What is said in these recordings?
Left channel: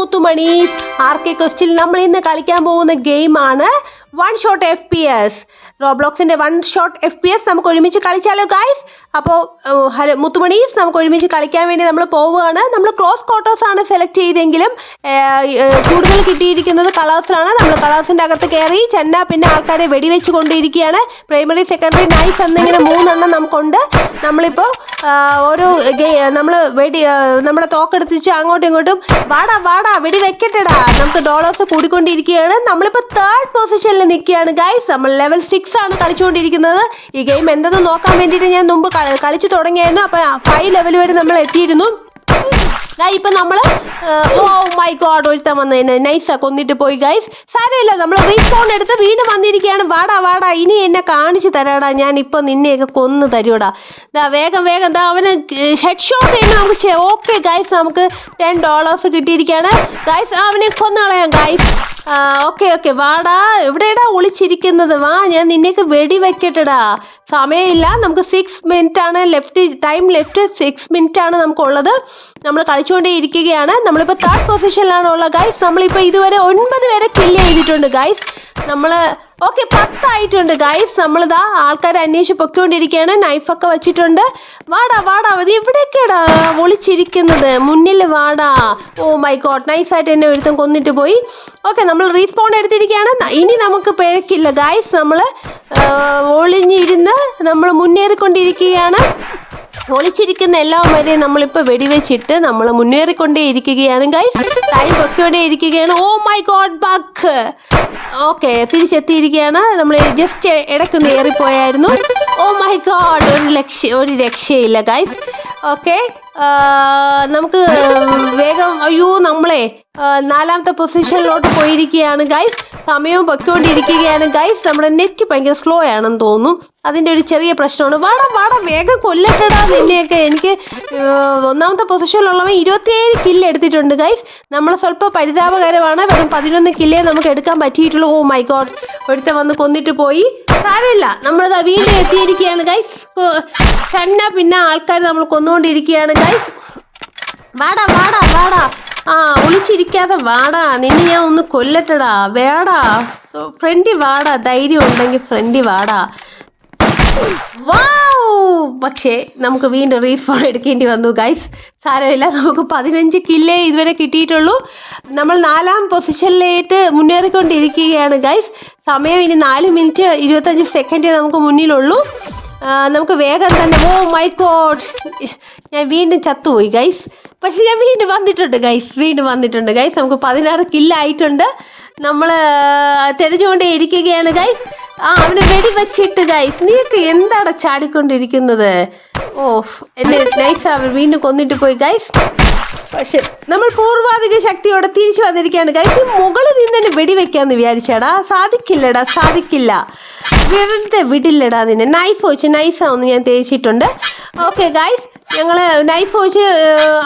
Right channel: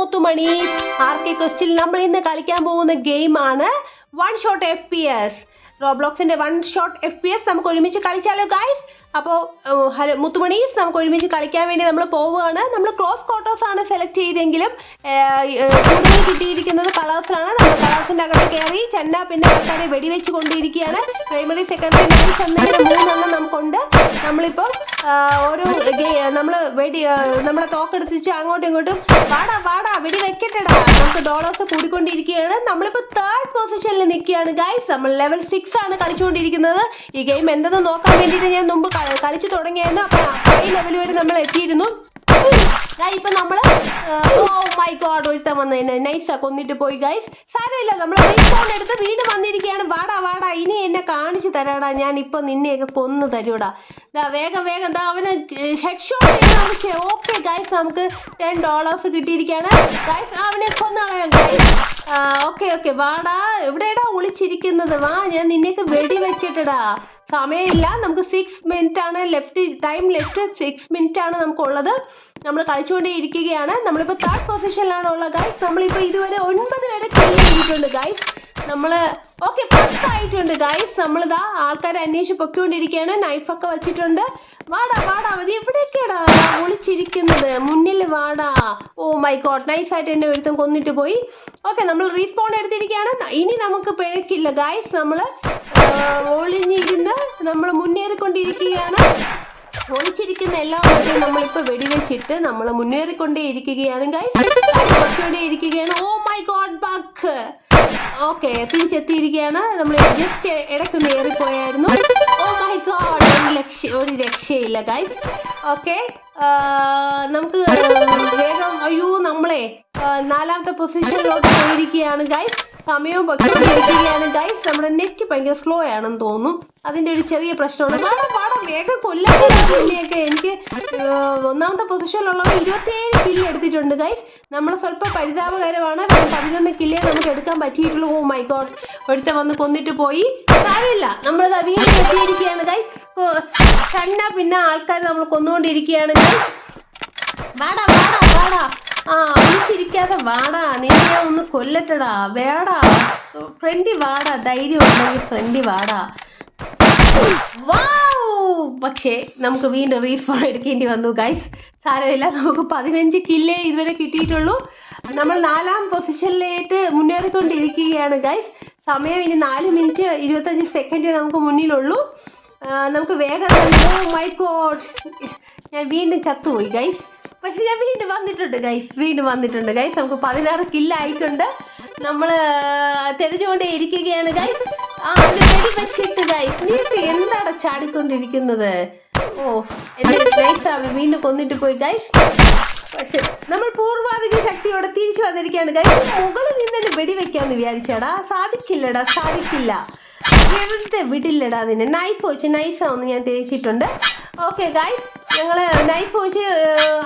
മുത്തുമണി ആർക്കെ ക്വസ്റ്റിൽ നമ്മൾ ഇന്ന് കളിക്കാൻ പോകുന്ന ഗെയിമാണ് വൺ ഷോട്ട് FPS. റോബ്ലോക്സിന്റെ വൺ ഷോട്ട് FPS നമുക്ക് ഒരുമിച്ച് കളിച്ചാലോ ഗൈസ്. അപ്പോൾ ഹലോ മുത്തുമണീസ്, നമുക്ക് ഒരുമിച്ച് കളിക്കാൻ വേണ്ടി നമ്മൾ പോവുകയാണ്. നമ്മൾ ക്ലോസ് ക്വാർട്ടേഴ്സ് ആണ് സെലക്ട് ചെയ്തെങ്കിലും കൂടുതൽ കിട്ടിയിരിക്കുന്നത് കളേഴ്സിലാണ്. നമ്മൾ കളേഴ്സിൻ്റെ അകത്ത് കയറി ചെന്ന പിന്നെ ആൾക്കാരെ വെടിവെച്ച് കൊണ്ടിരിക്കുകയാണ്. പ്രൈമറി സെക്കൻഡറി നൈസ് എന്നിങ്ങനെ 3 എണ്ണം നമുക്കുണ്ട്. നമ്മളിപ്പോൾ ഓരോ നമ്മളെ തോക്കെടുത്തിച്ച് അങ്ങോട്ടും ഇങ്ങോട്ടും വാടാ വെടി വെക്കട്ടെടാ, നമുക്ക് ഡോളേഴ്സ് കൂടിക്കൊണ്ടിരിക്കുകയാണ്. നമ്മളിപ്പോൾ 3rd പൊസിഷനിൽ നിൽക്കുകയാണ് ഗൈസ്. നമ്മൾ ലെവൽ 6 ആണ് കളിച്ചുകൊണ്ടിരിക്കുന്നത്. ഈ ഗെയിം എന്തെന്ന് നോക്കാൻ വേണ്ടിയിട്ട് ഞാൻ മുമ്പ് കളിച്ചു തുടങ്ങിയായിരുന്നു. അപ്പോൾ 5 ലെവൽ വരെ നമ്മൾ എത്തിയിരുന്നു. ഇപ്പം നമ്മൾ ഓ മൈ ഗോഡ് ഒരുത്തം വന്നതിന് നൈസാ കൊന്നിട്ട് പോയി ഗൈസ്. സാരമില്ല, നമ്മൾ റീസ്പോൺ എടുത്ത് വീണ്ടും വന്നിരിക്കുകയാണ്. വാടാ ഇനി എന്നെ കാണിച്ചു തരാടാ, ഞാൻ ഇപ്പം നിന്നെയൊക്കെ കൊന്നു തരൂടാ. വേഗം അവന് ഹെഡ് ഷോട്ട് ചെയ്യുന്ന നമുക്ക് ഓക്കെ ഗൈസ്, നമുക്ക് $10 കിട്ടിയിരിക്കുകയാണ് ഗൈസ്. അവനെ കൊന്നു കളയാം ഗൈസ്. ഓക്കെ വാടാ, എവിടെയാടാ ഒളിച്ചിരിക്കുന്നത്? വാ, ഞാൻ നിന്നെയൊക്കെ വെടി വെക്കട്ടെടാ. സമയമില്ല, നമുക്ക് 6 മിനിറ്റ് ആണ് ടൈം ലെഫ്റ്റ് 6 മിനിറ്റ് ആണ് നമുക്കുള്ളത്. നമ്മൾ കളിച്ചുകൊണ്ടേ ഇരിക്കുകയാണ്. നമ്മളിപ്പോൾ 3rd പൊസിഷനിലാണ് ഉള്ളത് ഗൈസ്. നമ്മളിപ്പോൾ ഇതുവരെ 9 പേരെ കില്ല് ചെയ്തിട്ടുണ്ട് ഗൈസ്. നമ്മൾ 10 ആയിട്ടുണ്ട് ഗൈസ്. നമ്മളിതാ ആൾക്കാരെ അന്വേഷിച്ച് പൊയ്ക്കൊണ്ടിരിക്കുകയാണ്. നൈഫൊക്കെ വെച്ചിട്ടുണ്ട്. വാടാ അത് എവിടെയൊക്കെയാടാ ഒളിച്ചിരിക്കുന്നത്? മുന്നിൽ വാടാ. ഓ മൈ ഗോഡ്, നൈസായിട്ട് എന്നെ ഒരുത്തം കൊന്നിട്ട് പോയി. ഓക്കെ, നമ്മൾ റീസ്പോൺ എടുത്തിരിക്കുകയാണ്. ഇനി നമുക്ക് പിഴക്കില്ല ഗൈസ്. നമ്മൾ ഒളിഞ്ഞിരുന്ന് നമ്മൾ മുന്നേറിക്കൊണ്ടിരിക്കുകയാണ്. ഒളിച്ചിരിക്കുന്ന എല്ലാവരെയും നമ്മളിപ്പോൾ വെടിവെച്ചിട്ട് നമ്മൾ മുന്നേറിക്കൊണ്ടേ ഇരിക്കുകയാണ് ഗൈസ്. പൊയ്ക്കൊണ്ടേ ഇരിക്കുകയാണ്. Oh my god, bug. Okay, തിരിച്ചെത്തിയിരിക്കുകയാണ്. നമ്മൾ ജസ്റ്റ് ഇടയ്ക്കൊന്ന് ഏറിപ്പോയായിരുന്നു. ഓ മൈ ഗോഡ്, ഒരു രക്ഷയില്ല ഗൈസ്. ഓക്കെ, നമുക്ക് വേഗം നമ്മളെ 4ാമത്തെ പൊസിഷനിലോട്ട് പോയിരിക്കുകയാണ് ഗൈസ്. സമയവും പൊയ്ക്കൊണ്ടിരിക്കുകയാണ് ഗൈസ്. നമ്മുടെ നെറ്റ് ഭയങ്കര സ്ലോ ആണെന്ന് തോന്നുന്നു. അതിൻ്റെ ഒരു ചെറിയ പ്രശ്നമാണ്. വാടാ വേഗം കൊല്ലപ്പെടാ നിന്നെയൊക്കെ. എനിക്ക് 1ാമത്തെ പൊസിഷനിലുള്ളവർ 27 കില്ല് എടുത്തിട്ടുണ്ട് ഗൈസ്. നമ്മൾ സ്വല്പം പരിതാപകരമാണ്. 11 കില്ലേ നമുക്ക് എടുക്കാൻ പറ്റിയിട്ടുള്ളൂ. ഓ മൈ ഗോഡ്, ഒരുത്തൻ വന്ന് കൊന്നിട്ട് പോയി. കാര്യമില്ല, നമ്മളിത് വീണ്ടും എത്തിയിരിക്കുകയാണ് ഗൈസ്. പിന്നെ ആൾക്കാർ നമ്മൾ കൊന്നുകൊണ്ടിരിക്കുകയാണ് ഗൈസ്. വാടാ ഒളിച്ചിരിക്കാതെ വാടാ, നിന്നെ ഞാൻ ഒന്ന് കൊല്ലട്ടടാ. ഫ്രണ്ടി വാടാ, ധൈര്യം ഉണ്ടെങ്കിൽ ഫ്രണ്ടി വാടാ. പക്ഷേ നമുക്ക് വീണ്ടും റീസ്പോൺ എടുക്കേണ്ടി വന്നു ഗൈസ്. സാരമില്ല, നമുക്ക് 15 കില്ലേ ഇതുവരെ കിട്ടിയിട്ടുള്ളൂ. നമ്മൾ 4ാം പൊസിഷനിലേക്ക് മുന്നേറിക്കൊണ്ടിരിക്കുകയാണ് ഗൈസ്. സമയം ഇനി 4 മിനിറ്റ് 25 സെക്കൻഡ് നമുക്ക് മുന്നിലുള്ളൂ. നമുക്ക് വേഗം തന്നെ. ഓ മൈ ഗോഡ്, ഞാൻ വീണ്ടും ചത്തുപോയി ഗൈസ്. പക്ഷെ ഞാൻ വീണ്ടും വന്നിട്ടുണ്ട് ഗൈസ്. നമുക്ക് 16 കില്ലായിട്ടുണ്ട്. നമ്മൾ തെരഞ്ഞുകൊണ്ടേ ഇരിക്കുകയാണ് ഗൈസ്. അവനെ വെടിവെച്ചിട്ട് ഗൈസ്. നീക്ക് എന്താണ് ചാടിക്കൊണ്ടിരിക്കുന്നത്? ഓ എന്നെ നൈസ് വീണ്ടും കൊന്നിട്ട് പോയി ഗൈസ്. പക്ഷെ നമ്മൾ പൂർവാധിക ശക്തിയോടെ തിരിച്ചു വന്നിരിക്കുകയാണ് ഗൈസ്. മുകളിൽ നിന്ന് തന്നെ വെടിവെക്കാന്ന് വിചാരിച്ചാടാ, സാധിക്കില്ല. വെറുതെ വിടില്ലടാ നിന്നെ. നൈഫ് വെച്ച് നൈസാന്ന് ഞാൻ തേച്ചിട്ടുണ്ട്. ഓക്കെ ഗൈസ്, ഞങ്ങൾ നൈഫ് വെച്ച്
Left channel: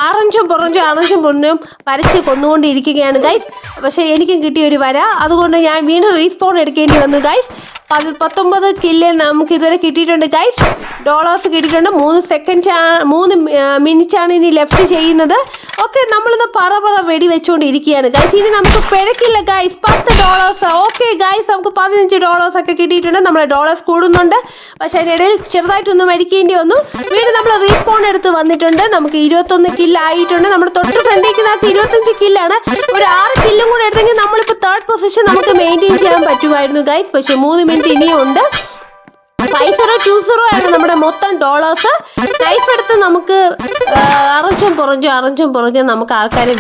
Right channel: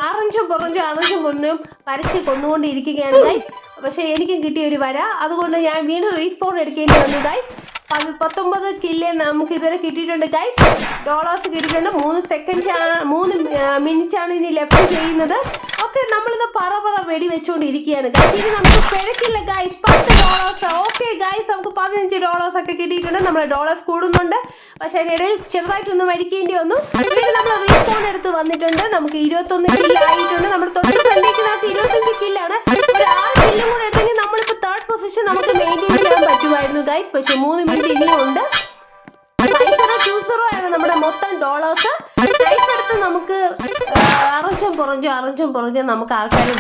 അറഞ്ചും പൊറഞ്ചും വരച്ച് കൊന്നുകൊണ്ടിരിക്കുകയാണ് ഗൈസ്. പക്ഷേ എനിക്കും കിട്ടിയ ഒരു വര, അതുകൊണ്ട് ഞാൻ വീണ്ടും റീസ്പോൺ എടുക്കേണ്ടി വന്നു ഗൈസ്. 19 കില്ല് നമുക്ക് ഇതുവരെ കിട്ടിയിട്ടുണ്ട് ഗൈസ്. ഡോളേഴ്സ് കിട്ടിയിട്ടുണ്ട്. 3 മിനിറ്റാണ് ഇനി ലെഫ്റ്റ് ചെയ്യുന്നത്. ഓക്കെ, നമ്മളിത് പറ വെടിവെച്ചുകൊണ്ടിരിക്കുകയാണ് ഗൈസ്. ഇനി നമുക്ക് പിഴക്കില്ല ഗൈസ്. $10. ഓക്കെ ഗൈസ്, നമുക്ക് $15 ഒക്കെ കിട്ടിയിട്ടുണ്ട്. നമ്മളെ ഡോളേഴ്സ് കൂടുന്നുണ്ട്. പക്ഷേ അതിനിടയിൽ ചെറുതായിട്ടൊന്ന് മരിക്കേണ്ടി വന്നു. വീണ്ടും നമ്മൾ റീസ്പോൺ എടുത്ത് വന്നിട്ടുണ്ട്. നമുക്ക് 21 കില്ലായിട്ടുണ്ട്. നമ്മൾ തൊട്ട് ഫ്രണ്ടിലേക്ക് 25 കില്ലാണ്. ഒരു 6 കില്ലും കൂടെ എടുത്തെങ്കിൽ നമ്മളിപ്പോൾ 3rd പൊസിഷൻ നമുക്ക് മെയിൻറ്റെയിൻ ചെയ്യാൻ പറ്റുമായിരുന്നു ഗൈസ്. പക്ഷേ 3 മിനിറ്റ് ഇനിയും ഉണ്ട്. 5020 ആണ് നമ്മുടെ മൊത്തം ഡോളേഴ്സ്. നൈഫ് എടുത്ത് നമുക്ക് അറഞ്ചും പുറഞ്ചും നമുക്ക് ആൾക്കാരെ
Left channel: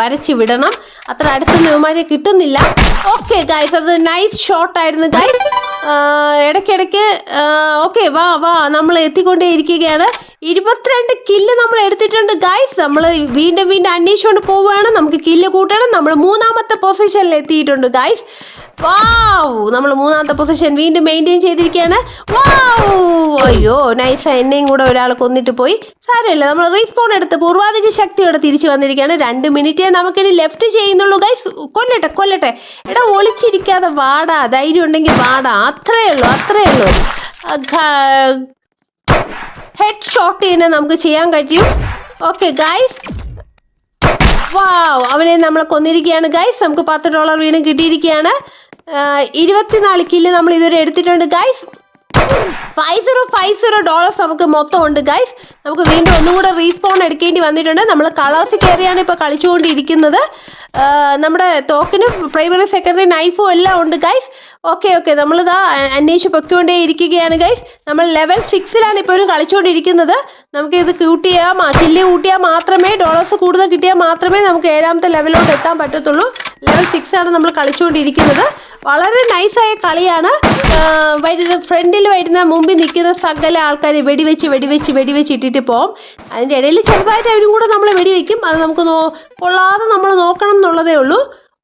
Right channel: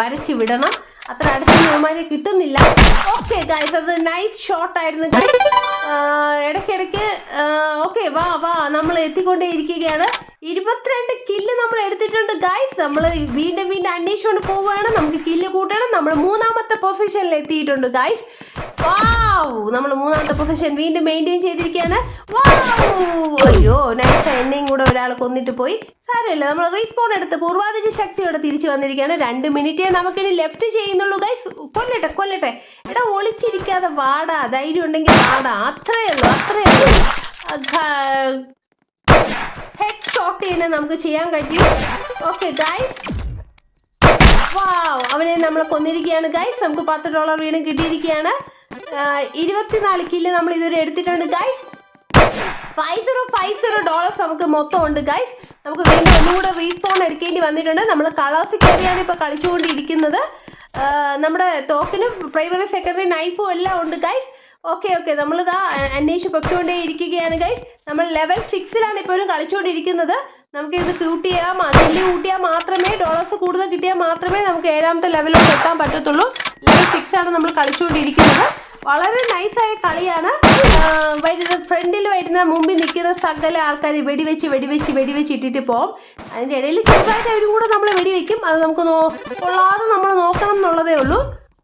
വരച്ച് വിടണം. അത്ര അടുത്ത് ന്യൂമാരെ കിട്ടുന്നില്ല. ഓക്കെ ഗൈസ്, അത് നൈസ് ഷോട്ടായിരുന്നു ഗൈസ്. ഇടയ്ക്കിടയ്ക്ക് ഓക്കെ വാ നമ്മൾ എത്തിക്കൊണ്ടേ ഇരിക്കുകയാണ്. 22 കില്ല് നമ്മൾ എടുത്തിട്ടുണ്ട് ഗൈസ്. നമ്മൾ വീണ്ടും അന്വേഷിച്ചുകൊണ്ട് പോവുകയാണ്. നമുക്ക് കില്ല് കൂട്ടണം. നമ്മൾ 3ാമത്തെ പൊസിഷനിൽ എത്തിയിട്ടുണ്ട് ഗൈസ്. നമ്മൾ 3ാമത്തെ പൊസിഷൻ വീണ്ടും മെയിൻറ്റെയിൻ ചെയ്തിരിക്കുകയാണ്. അയ്യോ നൈസ്, എന്നെയും കൂടെ ഒരാൾ കൊന്നിട്ട് പോയി. സാരമില്ല, നമ്മൾ റീസ്പോൺ എടുത്ത് പൂർവാധിക ശക്തിയോടെ തിരിച്ചു വന്നിരിക്കുകയാണ്. 2 മിനിറ്റേ നമുക്കിനി ലെഫ്റ്റ് ചെയ്യുന്നുള്ളൂ ഗൈസ്. കൊല്ലട്ടെ. എടാ ഒളിച്ചിരിക്കാതെ വാടാ, ധൈര്യം ഉണ്ടെങ്കിൽ വാടാ. അത്രയേ ഉള്ളൂ. ഹെഡ് ഷോട്ട് തന്നെ നമുക്ക് ചെയ്യാൻ കഴിയും. ഓക്കെ ഗൈസ്, വാവ്, അവനെ നമ്മൾ കൊന്നിരിക്കുകയാണ് ഗൈസ്. നമുക്ക് $10 വീണ്ടും കിട്ടിയിരിക്കുകയാണ്. 24 കില്ല് നമ്മൾ ഇതുവരെ എടുത്തിട്ടുണ്ട് ഗൈസ്. $50 നമുക്ക് മൊത്തം ഉണ്ട് ഗൈസ്. നമുക്ക് വീണ്ടും ഒന്നുകൂടെ റീസ്പോൺ എടുക്കേണ്ടി വന്നിട്ടുണ്ട്. നമ്മൾ കളേഴ്സ് കയറിയാണ് ഇപ്പോൾ കളിച്ചുകൊണ്ടിരിക്കുന്നത്. നമ്മുടെ തോക്കിന് പ്രൈമറി സെക്കൻഡറി നൈഫും എല്ലാം ഉണ്ട് ഗൈസ്. ഓക്കെ നമ്മളിതാ അന്വേഷിച്ച് പൊയ്ക്കൊണ്ടേ ഇരിക്കുകയാണ് ഗൈസ്. നമ്മൾ ലെവൽ 6ലാണ് ഇപ്പോഴും കളിച്ചുകൊണ്ടിരിക്കുന്നത്. നമുക്കിത് കില്ല് കൂട്ടിയാൽ മാത്രമേ ഡോളേഴ്സ് കൂടുതൽ കിട്ടിയാൽ മാത്രമേ നമുക്ക് 7ാമത്തെ ലെവലിലോട്ട് എത്താൻ പറ്റത്തുള്ളൂ. ലെവൽ 6ആണ് നമ്മൾ കളിച്ചുകൊണ്ടിരിക്കുന്നത്. വളരെ നൈസായ കളിയാണ്. ഫ്രണ്ടിൽ വരുന്ന മുമ്പിൽ നിൽക്കുന്ന സകല ആൾക്കാർ വെടിവെച്ച് ഇട്ടിട്ട് പോകും. അതിൻ്റെ ഇടയിൽ ചെറുതായിട്ട് അവരും കൂടെ നമ്മൾ വെടിവെക്കും. അത് നമുക്ക് കൊള്ളാതെ നമ്മൾ നോക്കണം എന്നുള്ളതേ ഉള്ളൂ.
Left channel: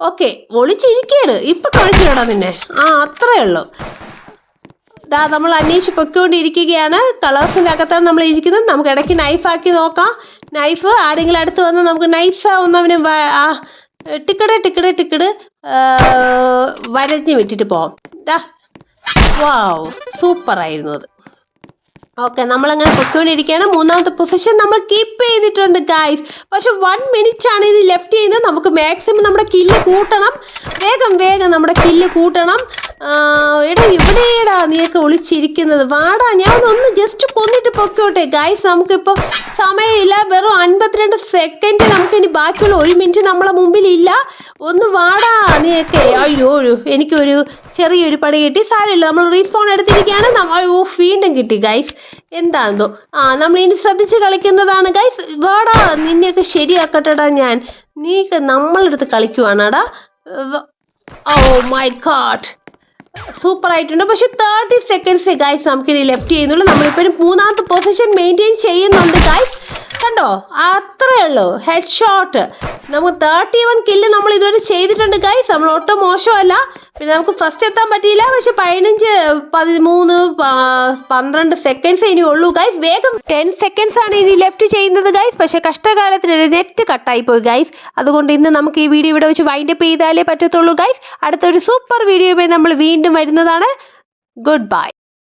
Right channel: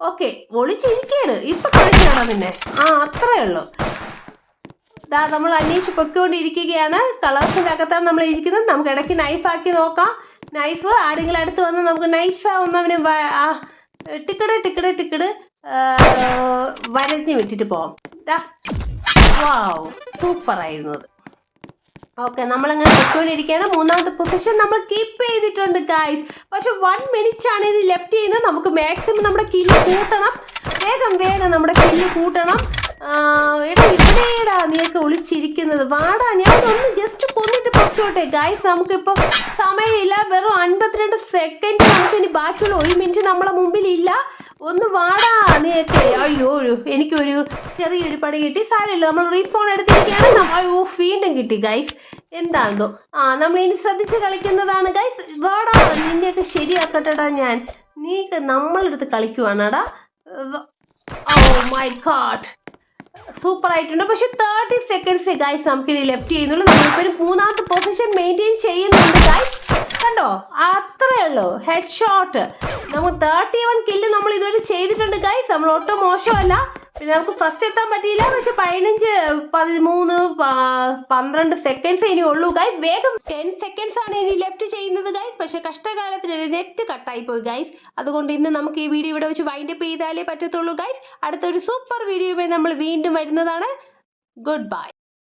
ഓക്കെ, ഒളിച്ചിരിക്കുകയാണ് ഇപ്പം കളിക്കണം പിന്നെ. അത്രയേ ഉള്ളൂ. നമ്മൾ അന്വേഷിച്ച് പൊയ്ക്കൊണ്ടിരിക്കുകയാണ്. കളേഴ്സിൻ്റെ അകത്താണ് നമ്മൾ ഇരിക്കുന്നത്. നമുക്ക് ഇടയ്ക്ക് നൈഫാക്കി നോക്കാം. നൈഫ് ആരെങ്കിലും അടുത്ത് വന്ന് നമുക്ക് നൈസാവുന്നവന് ടിക്കട് വരഞ്ഞ് വിട്ടിട്ട് പോവാം. വാവ്, സൂപ്പറായിരുന്നു അത്. ഓക്കെ, നമ്മളങ്ങനെ പൊയ്ക്കൊണ്ടിരിക്കുകയാണ്. 3ാമത്തെ പൊസിഷൻ നമ്മൾ കീപ്പ് ചെയ്തിട്ടുണ്ട് ഗൈസ്. പക്ഷെ 1 മിനിറ്റ് ആണ് ഇത് ലെഫ്റ്റ് ചെയ്യുന്നത്. നമുക്ക് മാക്സിമം നമ്മുടെ കില്ല് കൂട്ടണം. വേഗം നമ്മുടെ കില്ല് കൂട്ടണം. ഇവിടെയാടാ നീയൊക്കെ ഒളിച്ചിരിക്കുന്നത്. വാടാ, ഞാനൊന്ന് ജസ്റ്റ് കൊന്നിട്ട് പൊക്കോട്ടെ ഗൈസ്. നമുക്കിപ്പോൾ സമയമില്ല. വെറും 52 സെക്കൻഡ് നമുക്കിനി ബാക്കിയുള്ള 1 മിനിറ്റ് നമ്മളെ മുമ്പിലില്ല. ഒന്ന് വാടാ നീയൊക്കെ. അയ്യോ, എനിക്കൊരു ചെറിയൊരു പണി കിട്ടി. സാരമില്ല, നമ്മൾ റീസ്പോൺ എടുത്തിരിക്കുകയാണ്. വീണ്ടും കിട്ടി ഗൈസ്. എന്താണെന്നോ നമ്മൾ ഇനി ശ്രദ്ധിച്ച് കളിക്കുന്നതാണ് ഗൈസ്. വാടാ, നിന്നെയൊക്കെ ശരിയാക്കട്ടെടാ ഞാൻ. നീക്ക് നമ്മളെടുത്ത് കളിക്കുവാണാടാ. ഓ മൈ ഗോഡ്, സൂപ്പർ ആയിട്ടുണ്ട്. പക്ഷെ 30 സെക്കൻഡ്സ് ഗൈസ് നമുക്കിനി ലെഫ്റ്റ് ചെയ്യുന്നുള്ളൂ. നമ്മളിപ്പോഴും 3ാമത്തെ പൊസിഷൻ മെയിൻറ്റെയിൻ ചെയ്യുന്നുണ്ട് ഗൈസ്. കണ്ടോ, അത്രയേ ഉള്ളൂ. ഹെഡ് ഷോട്ട് നമുക്ക് 31 കില്ല് നമ്മൾ ഇതുവരെ ചെയ്തിട്ടുണ്ട് ഗൈസ്. നമ്മൾ ഒട്ടും മോശമല്ല. പിന്നെ നമുക്ക് ഫസ്റ്റ് എത്താൻ പറ്റിയില്ല. പക്ഷെ 15, 13, 12 സെക്കൻഡ്സ് ഇനി ഉള്ളൂ ഗൈസ്. വേഗം 10 സെക്കൻഡ്സ് ആണ് ഇനി ലെഫ്റ്റ് ചെയ്യുന്നത് ഗൈസ്. പക്ഷെ കഷ്ടകാലത്തിന് നെറ്റ് കട്ടായി പോയി ഗൈസ്. അതുകൊണ്ട് ഇന്ന് നമുക്ക് ഈ വീഡിയോ ഇവിടെ വെച്ച് വൈൻഡപ്പ് ചെയ്താലേ പറ്റത്തുള്ളൂ ഗൈസ്. അടുത്തൊരു സൂപ്പർ വീഡിയോയുമായി നമ്മൾ വീണ്ടും വരുന്നതാണ്. Good bye.